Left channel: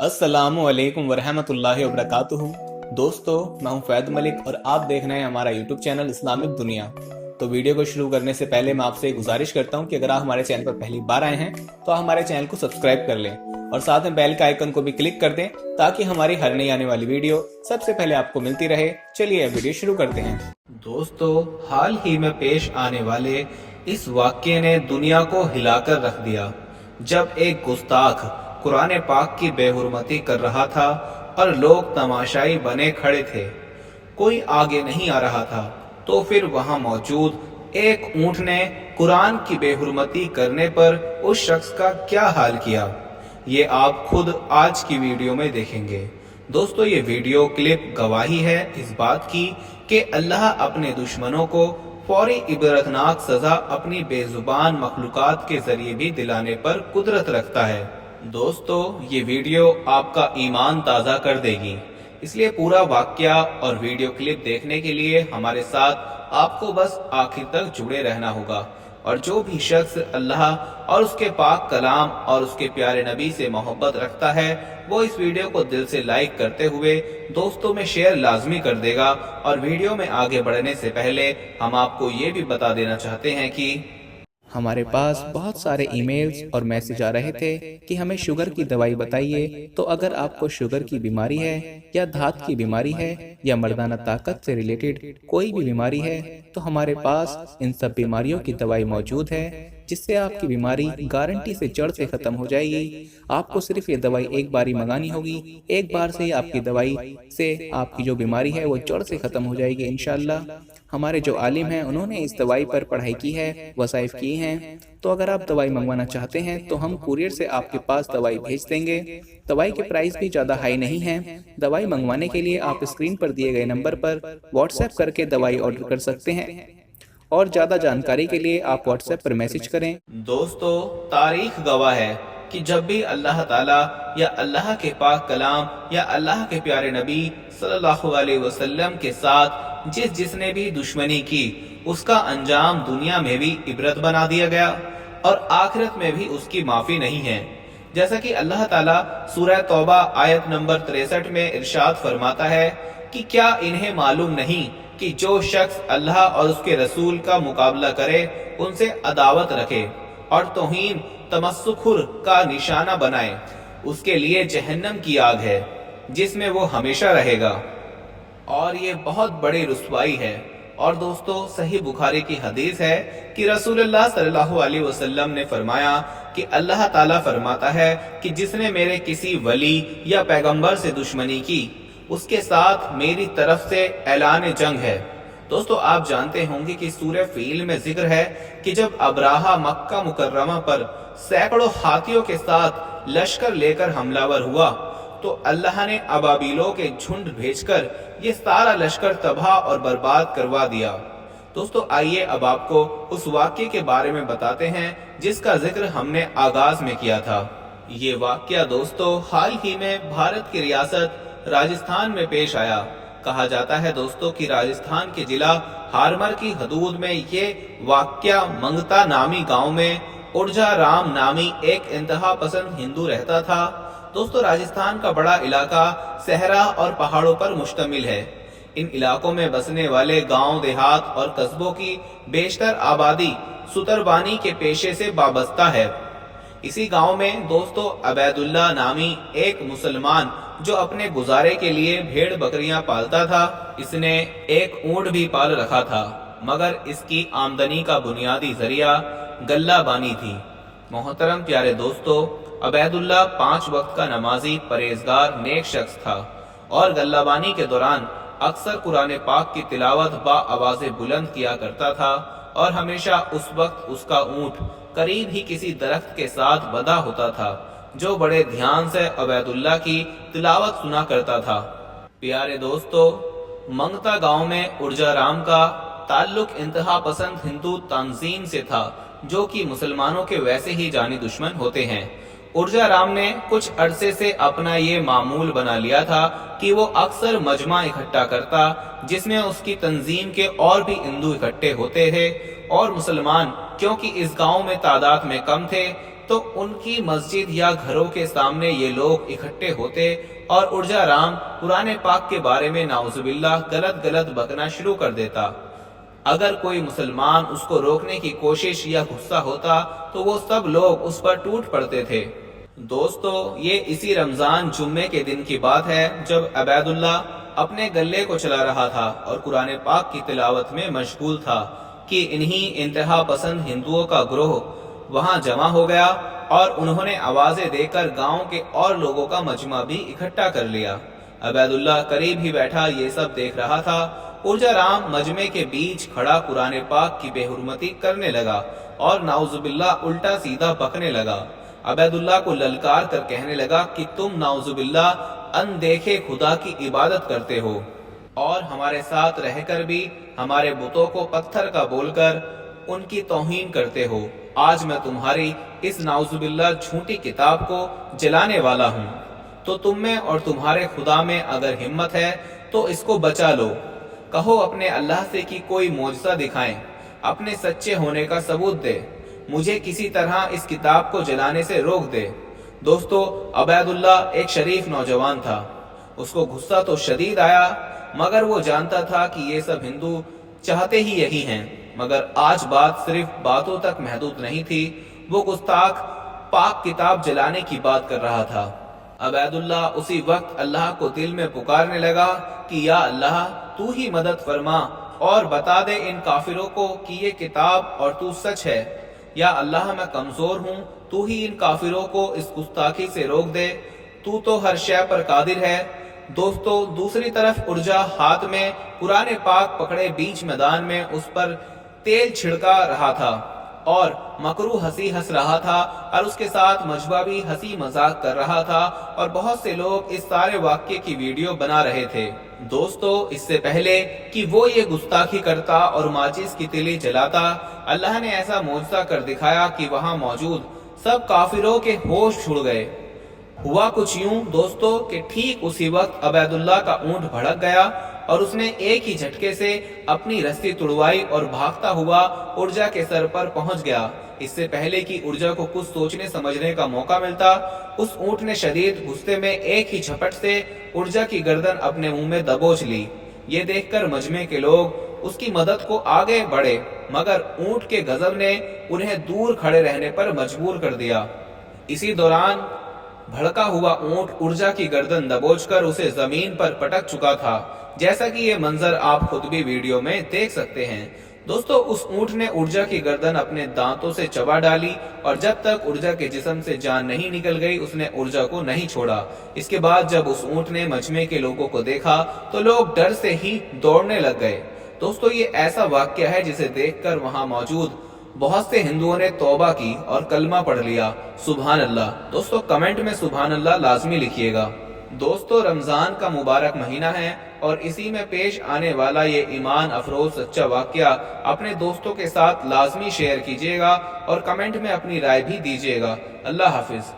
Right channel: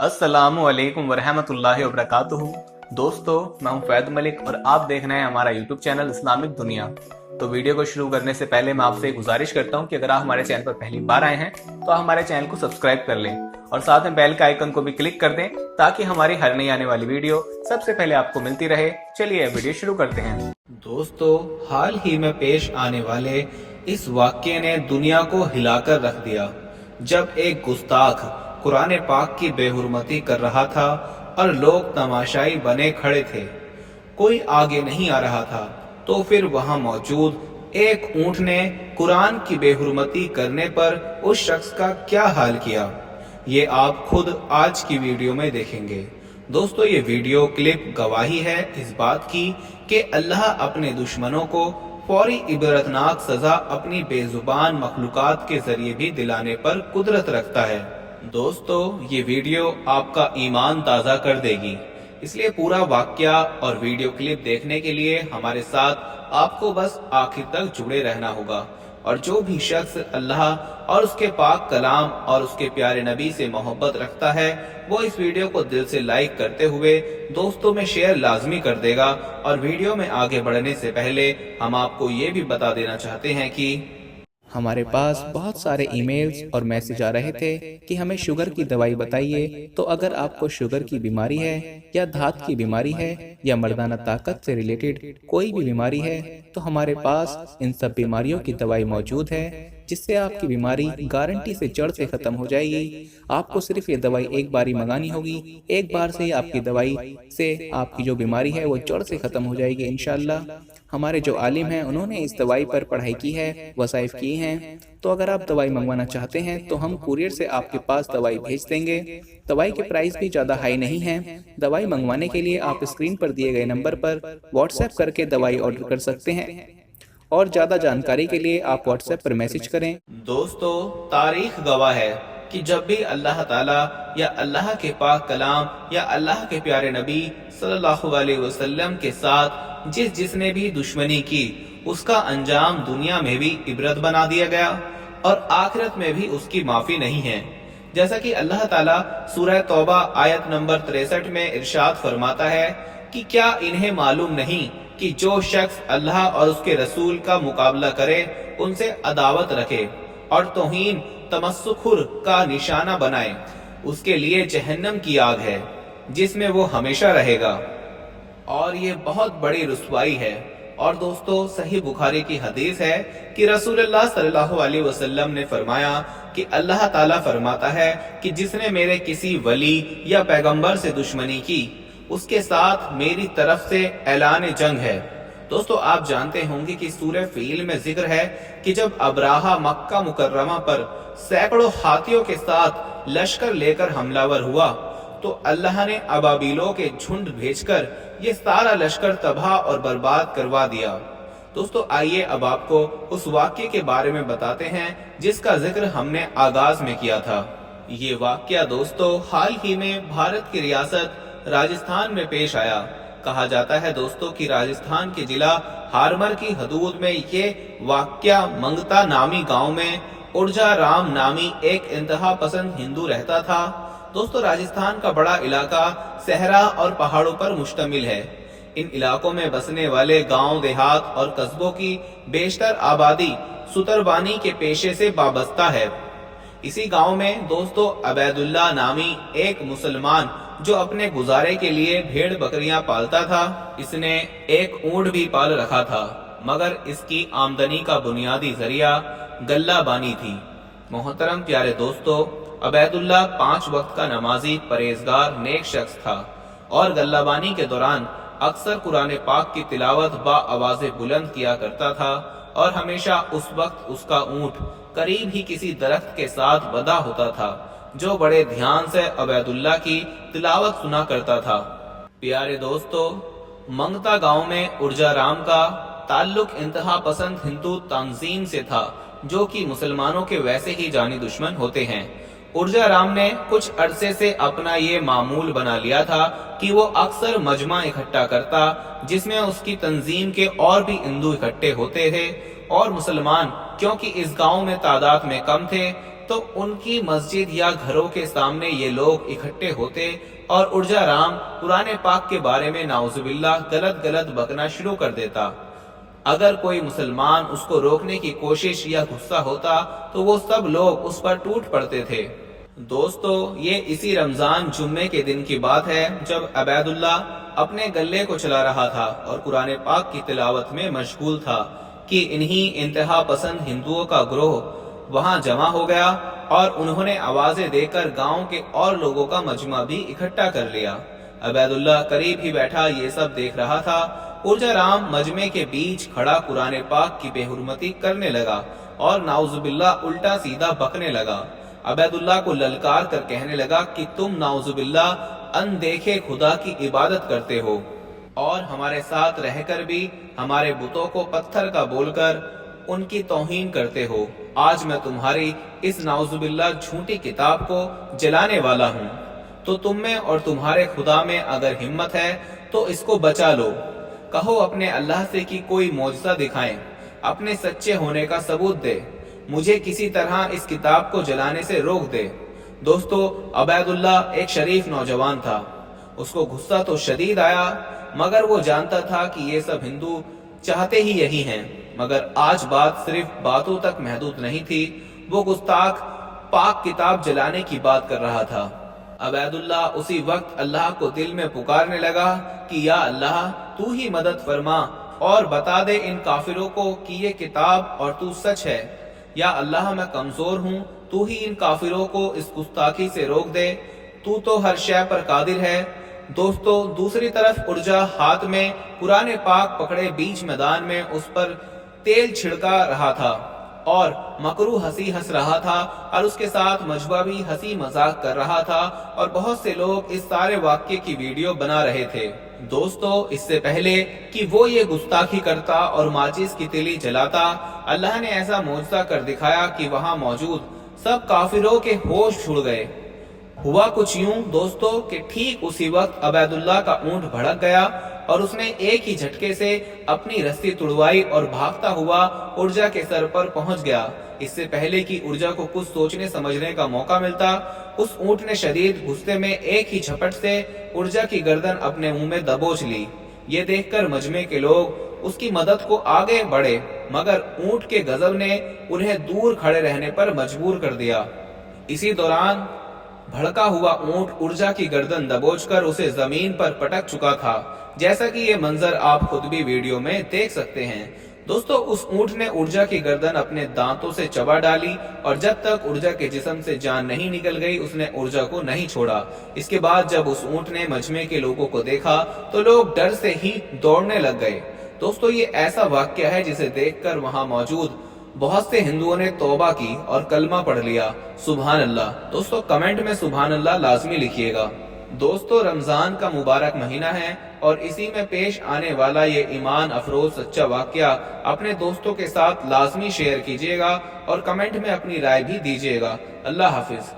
अस्सलामु अलैकुम वरहमतुल्लाहि वबरकातुहू। दोस्तों, मैं हूं फैद मलिक और आप देख रहे हैं हमारा यूट्यूब चैनल इस्लामिक दुनिया। तो वीडियो को शुरू करने से पहले मैं आपसे एक गुजारिश करता हूं कि अगर आप हमारे चैनल पर पहली बार आए हैं तो आप हमारे चैनल को सब्सक्राइब कर लें और साथ में बेल के आइकन को भी क्लिक कर दें ताकि हमारी हर नई आने वाली वीडियो सबसे पहले आपको मिलती रहे। चलिए वीडियो शुरू करते हैं। दोस्तों, हाल ही में पेश आने वाले इस वाक़ये ने दुनिया को हिलाकर रख दिया, जब एक गुस्ताख कुरान पाक की बेहुरमती कर रहा था और लोग तमाशाई बने खड़े थे। कोई आगे नहीं आ रहा था तो फिर वहां मौजूद एक ऊंट ने कुरान की बेहुरमती करने पर उस शख्स का क्या हाल किया, ये आप खुद आज की वीडियो में देखेंगे। दोस्तों, ये वीडियो क्लिप गवाही है इस बात की कि अल्लाह अपने दुश्मनों को फौरी इबरतनाक सजा अपनी बेजुबान मखलूकात के जरिए भी दिलाने पर कुदरत रखता है। दोस्तों, ये वीडियो आपका ईमान ताज़ा कर देगी, इसलिए पूरा वाक़या और वीडियो क्लिप देखने के लिए हमारे साथ आपको बस आखिर तक जुड़े रहना होगा। और जो भी शख्स अल्लाह और उसके पाक कलाम और उसके प्यारे नबी से मोहब्बत रखता है वो इस वीडियो को दिल से लाइक करते हुए दोस्तों में शेयर लाजमी कर देगा। और वीडियो में आगे बढ़ने से पहले हम आपको ये भी बता देना चाहते हैं कि हमारे पास बहुत सारे ईमेल्स और मैसेज आ रहे थे कि हमें शुगर की दवाई बताइए। तो अगर आपको शुगर की बीमारी है या धात की बीमारी है या मर्दाना ताकत से रिलेटेड कोई भी बीमारी है तो हमारे पास इन सब बीमारियों की दवाई मौजूद है, जिससे आपकी बीमारी गारंटी से जड़ से खत्म हो जाएगी। आपको सिर्फ ये दवाई एक बार ही मंगानी होगी, एक बार से ही आपकी दवाई से आपकी जो बीमारी है वो जड़ से खत्म हो जाएगी इंशाअल्लाह। हमारे जो आलिम हैं उन्होंने इस दवाई पर पढ़ाई की है, वसाइफ की हैं। तो अगर आप दवाई मंगवाना चाहते हैं तो हम कुरियर से आपके पास दवाई भेज देंगे। दवाई के प्राइस भी ज़्यादा हाई नहीं है। दवाई मंगवाने के लिए आप स्क्रीन पर दिए गए नंबर पर व्हाट्सएप करके दवाई ऑर्डर कर सकते हैं और ज़्यादा जानकारी के लिए आप व्हाट्सएप पर मैसेज करें। दोस्तों, तारीख गवाह है कि जब भी अल्लाह ताला या अल्लाह के पाक कलाम या अल्लाह के प्यारे नबी सल्लल्लाहु अलैहि वसल्लम के साथ जिसने भी दुश्मनी की उसका अंजाम दुनिया में भी इबरत बना दिया गया और आखिरत में भी उसकी माफी नहीं है। जैसा कि अल्लाह ताला सूरह तौबा आयत नंबर 63 में इरशाद फरमाता है कि क्या इन्हें मालूम नहीं कि जो शख्स अल्लाह और उसके रसूल का मुकाबला करे उनसे अदावत रखे और तौहीन तमस्सुखुर का निशाना बनाए, उसके लिए जहन्नम की आग है जिसमें वो हमेशा रहेगा और ये बहुत बड़ी रुसवाई है। और दोस्तों, सही बुखारी की हदीस है कि रसूलुल्लाह सल्लल्लाहु अलैहि वसल्लम ने फरमाया कि अल्लाह ताला फरमाता है कि जिसने मेरे किसी वली या पैगंबर से दुश्मनी की उसके साथ मेरी तरफ से ऐलान जंग है। दोस्तों, आप जानते होंगे कि सूरह फील में जिक्र है कि जब अब्राहा मक्का मुकर्रमा पर सैकड़ों हाथियों के साथ लश्कर लेकर हमलावर हुआ तो अल्लाह ने अबाबिलों के झुंड भेजकर ये सारा लश्कर तबाह और बर्बाद करवा दिया। दोस्तों, आइए अब आपको उस वाक्य के बारे में बताते हैं जिसका जिक्र हमने आगाज में किया था। ये वाक्या दोस्तों हाल ही में भारत की रियासत राजस्थान में पेश आया। कहा जाता है दोस्तों कि राजस्थान के जिला हारमर की हदूद में ये वाक्या मंगता नामी गांव में उर्जा राम नामी एक इंतहा पसंद हिंदू रहता था। दोस्तों, राजस्थान का बड़ा इलाका सहरा और पहाड़ों पर मुश्तमिल है। इन इलाकों में बसने वाले गांव देहात और कस्बों की बेशतर आबादी सुतरबानी के पेशे से वाबस्ता है। इसी गांव में दोस्तों अबैदुल्ला नामी एक मुसलमान जो अपने गुजारे के लिए भेड़ बकरियां पालता था, इसने एक ऊंट भी पाल रखा था, मगर इसकी आमदनी का बुनियादी जरिया गल्ला बानी थी। मोहतरम प्यारे दोस्तों, अबैदुल्ला 5 वक्त का नमाजी परहेजगार नेक शख्स था और गल्लाबानी के दौरान अक्सर कुरान पाक की तिलावत बा आवाज़े बुलंद किया करता था और हमेशा उस वक्त उसका ऊंट करीब ही किसी दरख्त के साथ बंधा होता था जो बड़े ध्यान से अबैदुल्ला की तिलावत सुना करता था। प्यारे दोस्तों, मंगता गांव में उर्जा राम का ताल्लुक इंतहा पसंद हिंदू तंजीम से था जो कि मुसलमानों के वैसे ही जानी दुश्मन होते हैं। उर्जा राम ने कुछ अरसे से अपना ये मामूल बना लिया था कि वो अक्सर मजमा इकट्ठा करता जिसमें उसकी तंजीम के और भी हिंदू इकट्ठे होते थे और मुसलमान क्योंकि इस गांव में तादाद में कम थे تو ان کی مسجد یا گھروں کے سامنے یہ لوگ اکٹھے ہوتے اور ارجا رام قرآن پاک کے بارے میں نعوذ باللہ غلط بکنا شروع کر دیتا۔ اگر کوئی مسلمان اس کو روکنے کی کوشش یا غصہ ہوتا تو وہ سب لوگ اس پر ٹوٹ پڑتے تھے۔ دوستو، یہ اسی رمضان جمعے کے دن کی بات ہے جب عبید اللہ اپنے گلے کو چلا رہا تھا اور قرآن پاک کی تلاوت میں مشغول تھا کہ انہی انتہا پسند ہندوؤں کا گروہ وہاں جمع ہو گیا اور انہوں نے آوازیں دے کر گاؤں کے اور لوگوں کا مجمع بھی اکٹھا کر لیا۔ عبید اللہ قریب ہی بیٹھا یہ سب دیکھ رہا تھا۔ ارجا رام مجمع کے بیچ کھڑا قرآن پاک کی بے حرمتی کرنے لگا اور نعوذ باللہ الٹا سیدھا بکنے لگا۔ عبید اللہ کو للکار کر کہنے لگا کہ تم نعوذ باللہ اندیکھے خدا کی عبادت کرتے ہو اور ہمارے ساتھ رہ کر بھی ہمارے بتوں کو پتھر کا بول کر ان کی توہین کرتے ہو۔ آج میں تمہاری اس نعوذ باللہ جھوٹی کتاب کو جلانے والا ہوں، تو تم میں اور تمہارے خدا میں اگر ہمت ہے تو اس کو بچا لو۔ کہو اپنے اللہ سے کہ کوئی معجزہ دکھائیں، اپنے سچے ہونے کا ثبوت دے، مجھے کسی طرح اس کتاب کو جلانے سے روک دے۔ دوستو، عبید اللہ ایک شریف نوجوان تھا۔ اس کو غصہ تو شدید آیا، مگر وہ جانتا تھا کہ یہ سب ہندو چاہتے ہی یہی ہیں۔ مگر آج بات صرف باتوں تک محدود نہیں تھی، وہ گستاخ پاک کتاب جلانے کی بات کر رہا تھا۔ عبید اللہ اسی وقت اللہ کو دل میں پکارنے لگا کہ یا اللہ، تو ہی مدد فرما اور بتا دے ان کافروں کو کہ یہ کتاب اور تو سچ ہے۔ یا اللہ، میں کمزور ہوں، تو ہی ان کافروں کو اس گستاخی سے روک دے، تو ہر شے پر قادر ہے۔ دوستو، دوسری طرف ارجا ہاتھ میں قرآن پاک پکڑے بیچ میدان میں اس پر تیل چھڑکا رہا تھا اور مکروہ ہنسی ہنس رہا تھا، اور اس کے ساتھ مجمع بھی ہنسی مذاق کر رہا تھا اور بہت سے لوگ اس سارے واقعے کی ویڈیو بنا رہے تھے۔ دوستو، اس سے پہلے کہ وہ یہ گستاخی کرتا اور ماچس کی تیلی جلاتا، اللہ نے ایسا معجزہ کر دکھایا کہ وہاں موجود سب کافروں کے ہوش اڑ گئے۔ ہوا کچھ یوں دوستو کہ ٹھیک اسی وقت عبید اللہ کا اونٹ بھڑک گیا اور اس نے ایک ہی جھٹکے سے اپنی رسی تڑوائی اور بھاگتا ہوا ارجا کے سر پر پہنچ گیا۔ اس سے پہلے کہ ارجا کو کچھ سوچنے سمجھنے کا موقع ملتا، اس اونٹ نے شدید غصے میں ایک ہی جھپٹ سے ارجا کی گردن اپنے منہ میں دبوچ لی۔ یہ دیکھ کر مجمع کے لوگ اس کی مدد کو آگے بڑھے، مگر اونٹ کے غضب نے انہیں دور کھڑے رہنے پر مجبور کر دیا۔ اسی دوران بھڑکا ہوا اونٹ ارجا کی گردن دبوچ کر اسے زمین پر پٹک چکا تھا، جیسا کہ یہ منظر آپ خود بھی ویڈیو میں دیکھ سکتے ہیں۔ دوستو، اس اونٹ نے ارجا کی گردن اپنے دانتوں سے چبا ڈالی اور جب تک ارجا کے جسم سے جان نہیں نکل گئی اس نے ارجا کو نہیں چھوڑا۔ اس کے بعد جب اس اونٹ نے مجمع کے لوگوں کو دیکھا تو لوگ ڈر سے ہی دوڑنے لگ گئے۔ دوستو، یہ ایسا واقعہ ہے جسے دیکھ کر وہاں موجود بہت سے ہندوؤں نے توبہ کی اور کلمہ پڑھ لیا۔ سبحان اللہ۔ دوستو، کمنٹ میں سبحان اللہ لازمی لکھیے گا۔ دوستو، رمضان کا مبارک مہینہ ہے اور اسی میں پیش آنے والا یہ ایمان افروز سچا واقعہ اپنے دوستوں کے ساتھ لازمی شیئر کیجیے گا اور کمنٹ میں اپنی رائے بھی دیجیے گا۔ اللہ حافظ۔